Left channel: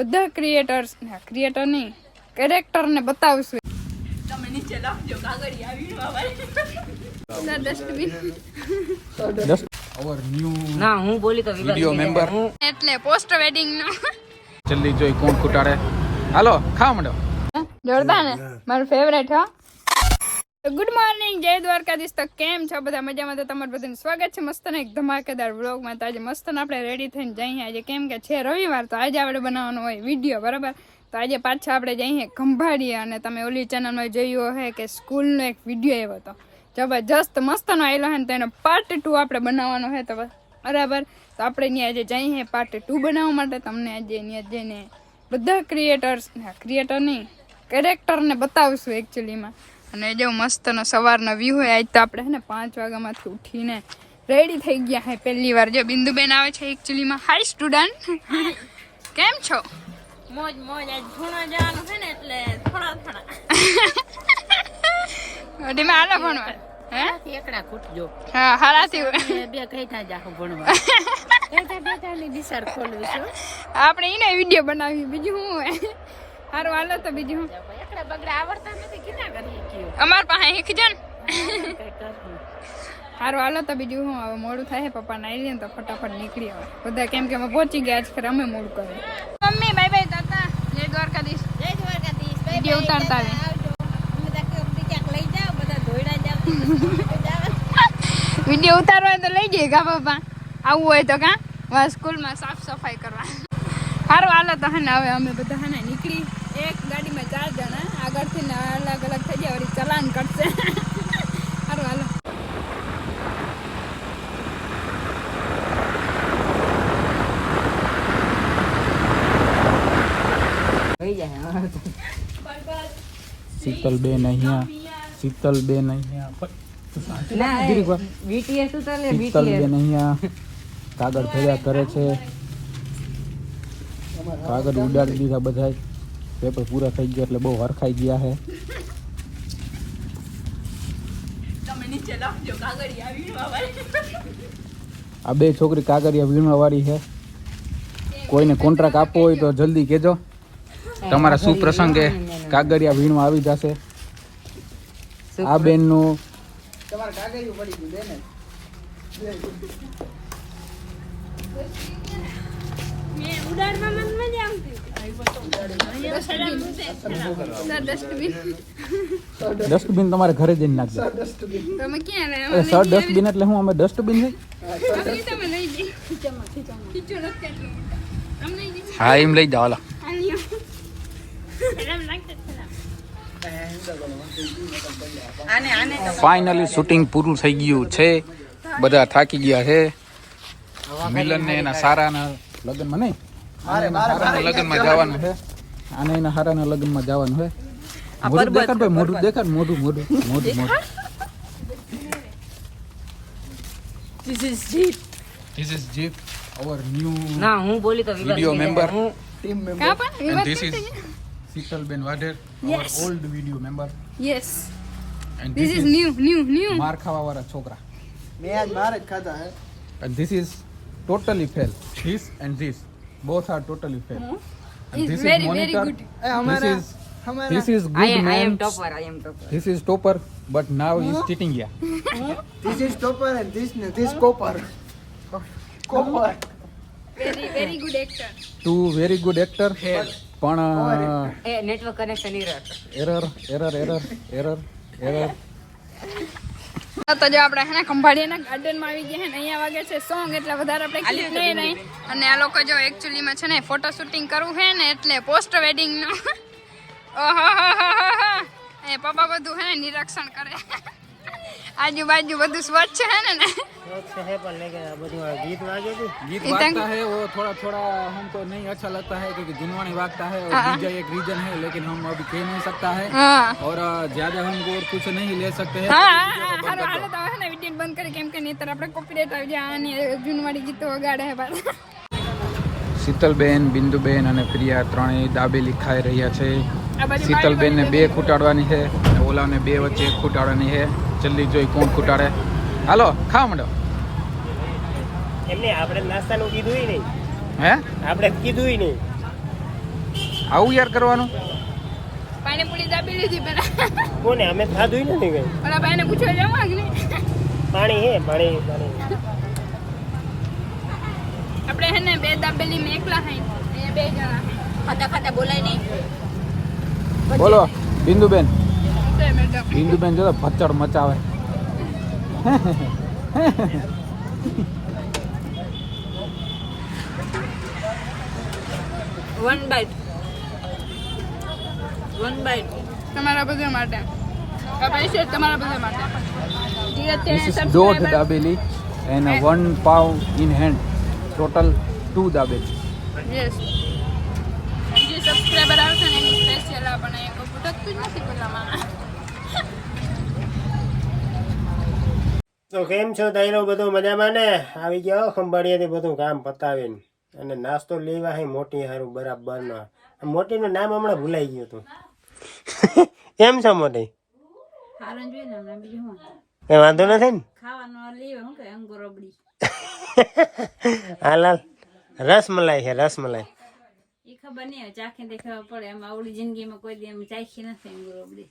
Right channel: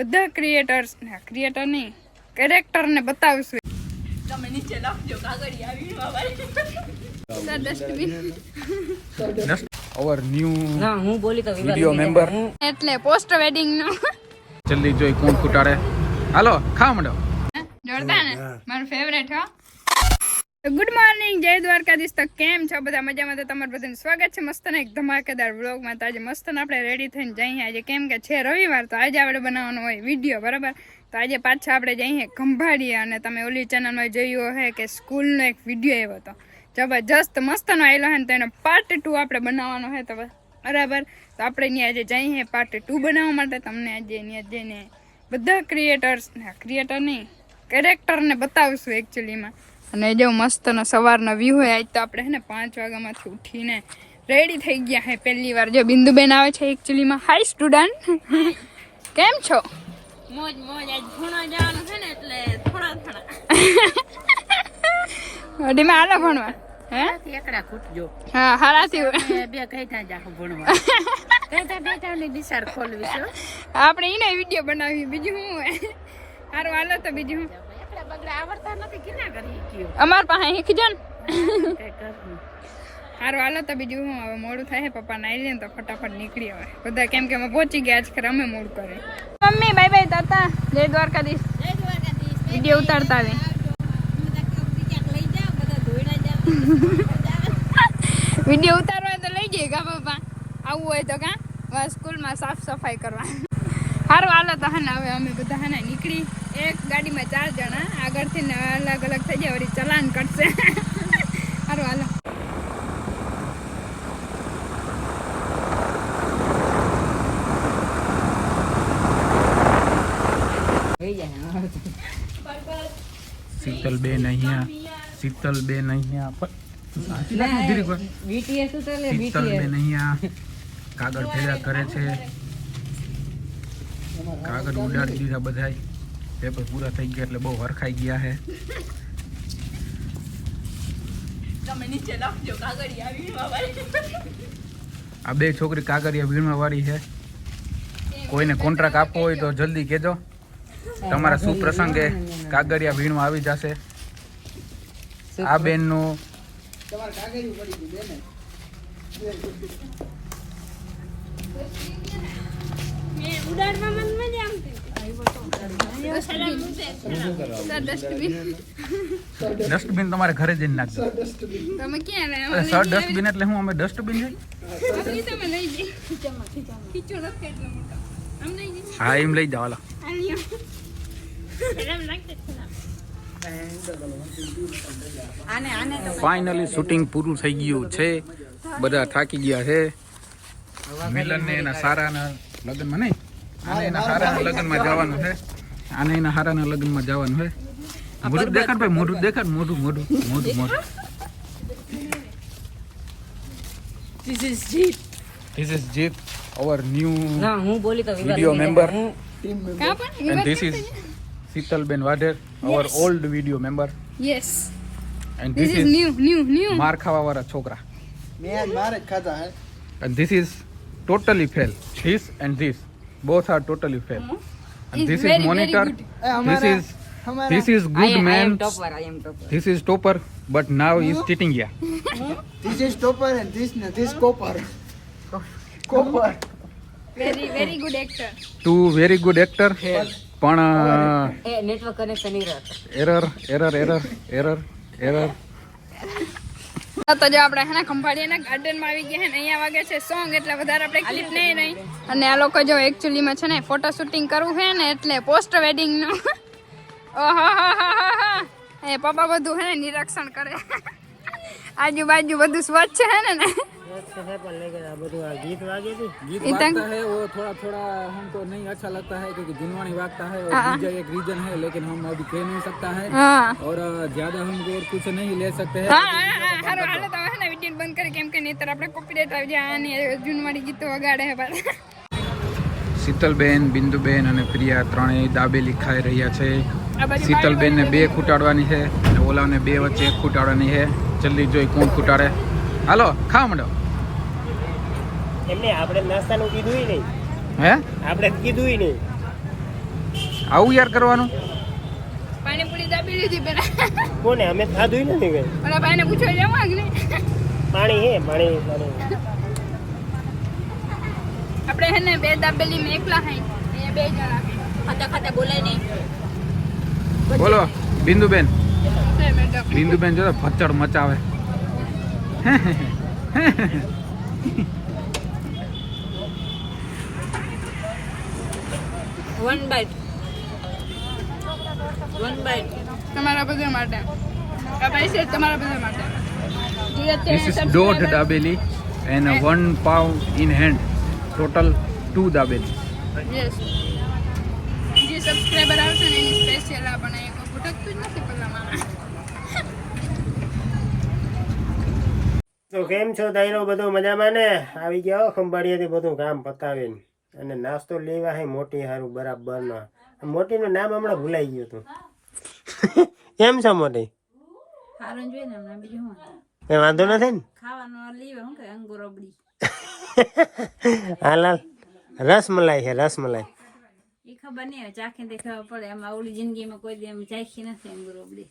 બધા ક્રિએટર નહીં કેરેક્ટર ને બતાવશું. તમે નીચે લખજો કાગળિયા વીણવા ડસ્ટબિન our new ના હું બોલી તો video member એટલે પોસ્ટ વેડિંગ નો જલ્દી જોઈ કોણ ફૂટાડે. હાલો ખાવા માંડો. જોરદાર ને મારું ફેવરેટ હો. ગુડ મોર્નિંગ, જય દ્વારકાધીશ. તો કેમ છો બધા? મજામાં? તો તમારું બધાનું સ્વાગત છે મસ્ત ને એક ધમાકેદાર વ્લોગમાં. તો આજે મસ્ત ને આપણે રેડી થઈને જઈએ આજે, કેમ કે છે રવિવાર, તો આજે આપણે બનાવવાનો હોય વિડીયો, બરાબર. તો આજે પાછા આપણે જઈએ ખંભાળીએ, અને તમે ઓલી ચેનલમાં જોયું હશે કે સ્કૂલનો એક વિડીયો આવ્યો હતો, જબરજસ્ત મસ્તનો આવેલો છે, તો એનો પાર્ટ 2 આપણે બનાવવાનો છે. તો બરાબર, તો આપણે ત્યાં આજે જઈએ પાર્ટ 2 બનાવવા માટે. તમને આજે ત્યાં જઈને બધા ક્રિએટર નહીં કેરેક્ટરને બતાવશું એકચ્યુઅલીમાં. અને જો મસ્તનો સવારનો વ્યૂ હોય. આજ તો આપણે છે ને 5 વાગ્યામાંથી ઉઠીને રેડી થઈ ગયા છે પહેલી વાર. જો બિંદુબેન આવે છે એકચ્યુઅલીમાં. હાય સ્ટુડન્ટ, કેમ છો? મોજ મોજ. આજ ભણવા જવાનું છે ને એટલે થોડા અડીમાં હાલો ભણવા. હે એકડા ખૂટજો હા હારાથી બે કઈઠા જાખો ભણવા કઈઠાની દિશાર ખોલવી છે. આપણે એને વિડીયો બનાવી, બીજું શું હોય. સારું હાલો તો બીજું હું બગડા આવડતા નથી કિના કરી કયો અમાર પાસે શીખજો ને. કઈ કરવું સારું હાલો તો બીજું હું. હવે મોડું થાય, પપ્પા નાઈ લે તો ફટાફટ નીકળી આવે બધા, કેમ કે અમે પહોંચી ગયા છે. અમે મોડું કરે. મમ્મી બાય બાય તાતા, જય દ્વારકાધીશ. જય દ્વારકાધીશ. વિડીયો ઉતારતા આવે. વિડીયો ઉતારવા તો લઈ જઈએ કા પપ્પા, આવું હોય તો કા સ્કૂલમાં સાફ સફાઈ કરવા. સારું હાલો તો હે ને હવે અમે બધા હે ને નીકળી. એક ગાડીમાં 4 જણા, આગળથી ને અલગ અલગ થઈ જાય, વળી ચલાન કરશે. સારું હાલો. થઈ જાય શીતલબેન અહીંયા, શીતલબેન અહીંયા, બીટીએસ તો લે શીતલબેન અહીંયા કાગળ ભેગા કરે છે. કાગળ ઉડાડી દીધા બધાય, પેપર પૂરા થઈ ગયા એટલે બહુ હરખાઈ ગયા છે. તમે નીચે લખજો કાગળિયા વીણવા આ બે છોકરી કાગળિયા વીણવા વાળી છે. કોઈને કોન્ટ્રાક્ટ આપવો હોય તો જલ્દી કહેજો. તમારા શુભ પ્રસંગે કાગળિયા વીણવા આવી જશે. આ બેનનું ડસ્ટબિન તમારે ઘરે જઈને નાખજો. તમે ક્યાં સર ડસ્ટબિન એટલે હું અમે ડસ્ટબિન છે. તમે લઈ જઈ ખીચો રસ કેટલો મોટો આમ લઈ જઈ. હા એમ લઈ જાઓ. ફાઇનલી શૂટિંગ પૂરું થઈ ગયું છે. બધા થાકી ગયા છે. મિલન ને એના સારાના લગ્નમાં નહીં, આને એના સારાના લગ્નમાં જવાનું છે. આને એના સારાના લગ્નમાં જવાનું છે. મોઢું દેખાડ ભાઈ, મોઢું દેખાડ, મોઢું. This is Jeet, our new ના હું બોલી તો video member, કા પણ and this is Sheetalben Wader, our old video member, yes, and this is new. માર ખાવા વાળા છોકરા. मैं आज मार खाता है. And this is totally fail. This and this both are totally fail. And He's this very, is monitor. very This is good I man. am topper. This is topper, but now he is cheating here. This is topper and this copper. Copper. very good actor. Two very good actor. પણ એ network connection error. તો જો આપણે હે ને ખંભાળીના ગાર્ડનમાં આવી ગયા છે ને અહીંયા વાગે છે સોંગ, એટલે વધારે આપણે ક્લિપ લઈ નહીં. અને આ લોકો જો એકચ્યુઅલીમાં છે ને ફોટો શૂટિંગ કરવું છે ને, એટલે પોસ્ટ વેડિંગનું. ઓહો એ પપ્પા બધું હે ને નિરીક્ષણ કરે. આજુબાજુ બધું સ્વચ્છ છે ને गीत वागता है वो थोड़ा हमको नहीं अच्छा लगता है, क्योंकि जिनवानी वागता है और डीजे एक रीजन है, लेकिन हम अभी कह नहीं सकता है और ज्यादा हम और कुछ नहीं ले सकते हैं. હાલો તો હે ને વિડીયો બંધ કરી, કેમ કે નહીતર આપણે કોપીરાઈટ આવી જાય. આની જૂનવાળી ગીતો વગાડે છે પાછા. શીતલબેન, બિંદુબેન અને પ્રિયા ત્રણેય દાબેલી ખાઈ રહ્યા છે. શીતલબેન ને 2 ખૂટાડવાની છે, ઓલાને 2 વચ્ચે 1 ખૂટાડવાની છે. જલ્દી જોઈ કોણ ખૂટાડે. હાલો ખાવા માંડો. એમને આપણે નાસ્તાનું કીધું નહીં. હે આપણે કીધું નહીં. આવું યાર કરવાનું. પાણીપુરી દાબી લીધી પેલા. કોને અમે ખાધું નથી કઈ. ઓલા ભાઈને પૂછવા જવા કે નહીં? પાણી હે પાણી આપણે હે ને 2 દાબેલી મેં એકલા ખાઈ, અહીંયા 2 જણા ખાતા ખાતા બોલાય નહીં. બોલો બિંદુબેન. છે મેડમ. બિંદુબેન જો તો ભચડ મચાવે. વન બાઈટ તમારા બધા માટે આ પૈસા તમારા બધા માટે જે This is અત્યારે dot dabeli and 1 pound in hand. Total 2 dabeli. Yes જે સબસ્ક્રાઇબર આવશે ને એની સ્પેશિયલ આપણે કોઈ ભટકતું જ નથી પેલામાં. તો કેમ છો તાઈરો? બધું મજામાં ને? આવી ગયા ખંભાળિયાથી બધું કામ પતાવીને અને નાસ્તો લેવા હે મોટી હારું બરાબર નો. મોટીનું નામ હમણાં ભૂલાઈ ગયું હતું. કેમ છો મોટી? હારણ જોઈએ ને હમણાં બીજું હું કઈ વાંધો નથી ને? ખાવાનું લેવા હું કે અંગુર રબડી હાલ રસમલાઈ છે રસમલાઈ. એ ખબર નહીં હવે ચાખી દે ખબર પડે. એમ આવડી જિંદગીમાં કોઈ દી એમ ચાખી નથી અંગુર રબડી.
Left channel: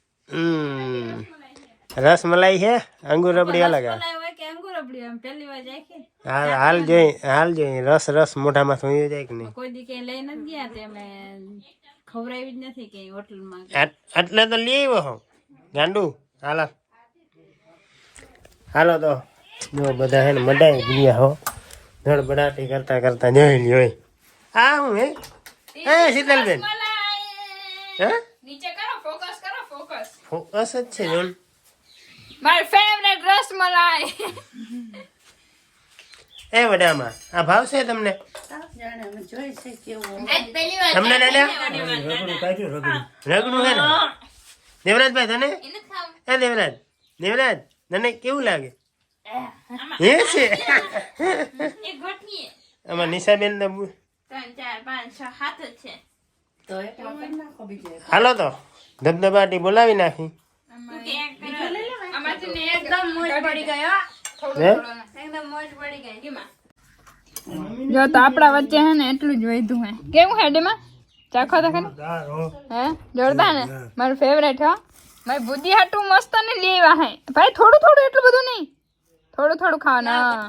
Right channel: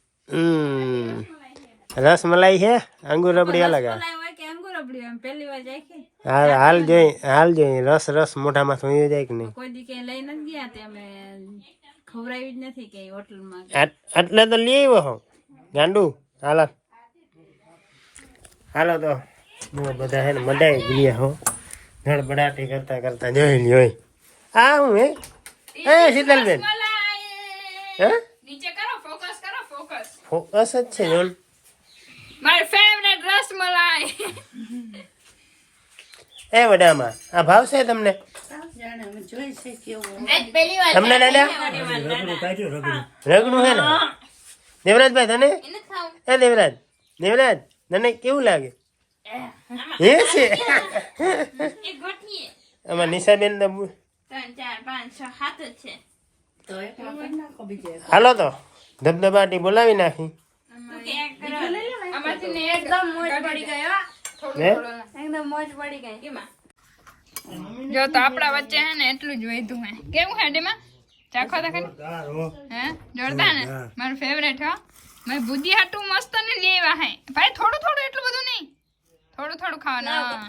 રસમલાઈ છે અંગુર રબડી અલગ આવે. મલાઈ હોય કે અંગુર રબડી એમ પહેલી વાર ચાખી. હાલ જોઈ રસ મોઢામાં થઈ જાય કે નહીં? કોઈ દી કઈ લઈ નથી ગયા તે અમે ખવડાવી જ નથી કે હોટલમાં. એટલે તો લઈ આવ્યો હો ગાંડુ. હાલો તો જો બધા હે ને મડાઈ ગયા હો ધડબડાટી કરતા કરતા જોઈ લ્યો. આ હું હે શીતલબેન હે નીચે કરો, ફોકસ કરો, ફોકસ. ફોકસ જ છે જોન. મારી ફેવરેટ રસમલાઈ. એ વડામાં આ ભાવશે તમને? તમને દાદા રગડું હે ને દેવરાજભાઈ તને? એ દેવરાજ તને કેવું લાગે? હે છે એક ઘટની આમાં નિશાબેન ને 3 4 5 6 7 જ છે. હાલો તો ધબધબાટી બોલાવી નાખી. આમાંથી ને એકદમ મોજ પડી ગયો. હે એકદમ મોજ પડી ગઈ ડીમાં. જો તો આપણા વચ્ચે હે ને એટલું જ વધ્યું હે. કેવું હે ડીમાં? ચાખો તો ખરી. હે જોરદાર ને? મારું ફેવરેટ હો. મારી બુદ્ધિ હાટું મસ્ત ને લઈ આવ્યા હે ભાઈ. થોડું થોડું એટલું બધું નહીં, થોડું થોડું ખાવાનું.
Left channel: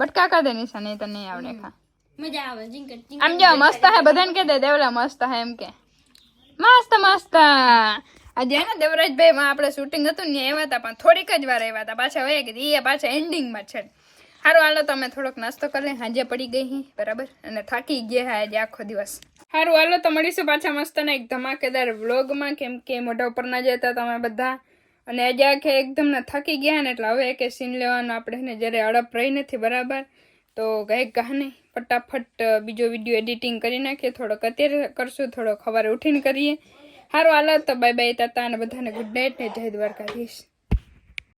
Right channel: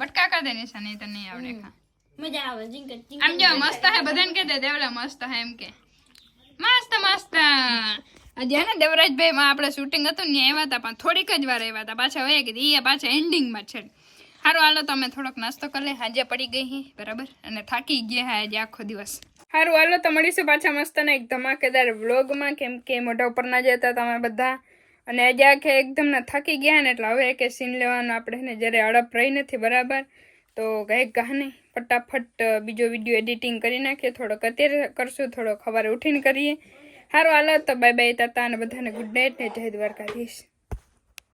બટકા કર દે નિશા, નહીં તો નહીં આવડે ખા. મજા આવે જીંકર આમ જો મસ્ત હે, બધાને કહી દે દેવલા મસ્ત હે એમ કે. મસ્ત મસ્ત. આજે હે ને દેવરાજભાઈ માં આપણે શૂટિંગ હતું ને આવ્યા હતા, પણ થોડીક જ વાર આવ્યા હતા, પાછા વયા ગયા. એ પાછા એન્ડિંગમાં છે. સારું હાલો તમે થોડોક નાસ્તો કરી લે. હાજે પડી ગઈ હી બરાબર અને થાકી ગયા હે આજે આખો દિવસ. સારું હાલો તો મળીશું પાછા મસ્ત ને એક ધમાકેદાર વ્લોગમાં. કેમ કે મોઢા ઉપર ના જતા તમે બધા, અને આજે આખે એકદમ ના થાકી ગયા ને એટલે હવે એક સીન લેવાનો આપણે ને જ્યારે અડપ રહી નથી બરાબર. તો કંઈક કહાની ફટાફટ બીજો વિડીયો એડિટિંગ કરી નાખીએ. થોડોક અત્યારે કરશું, થોડોક સવારે ઉઠીને કરીએ. સારું હાલો તો બાય બાય તાતા અને બધાને ગુડ નાઇટ ને જય દ્વારકાધીશ.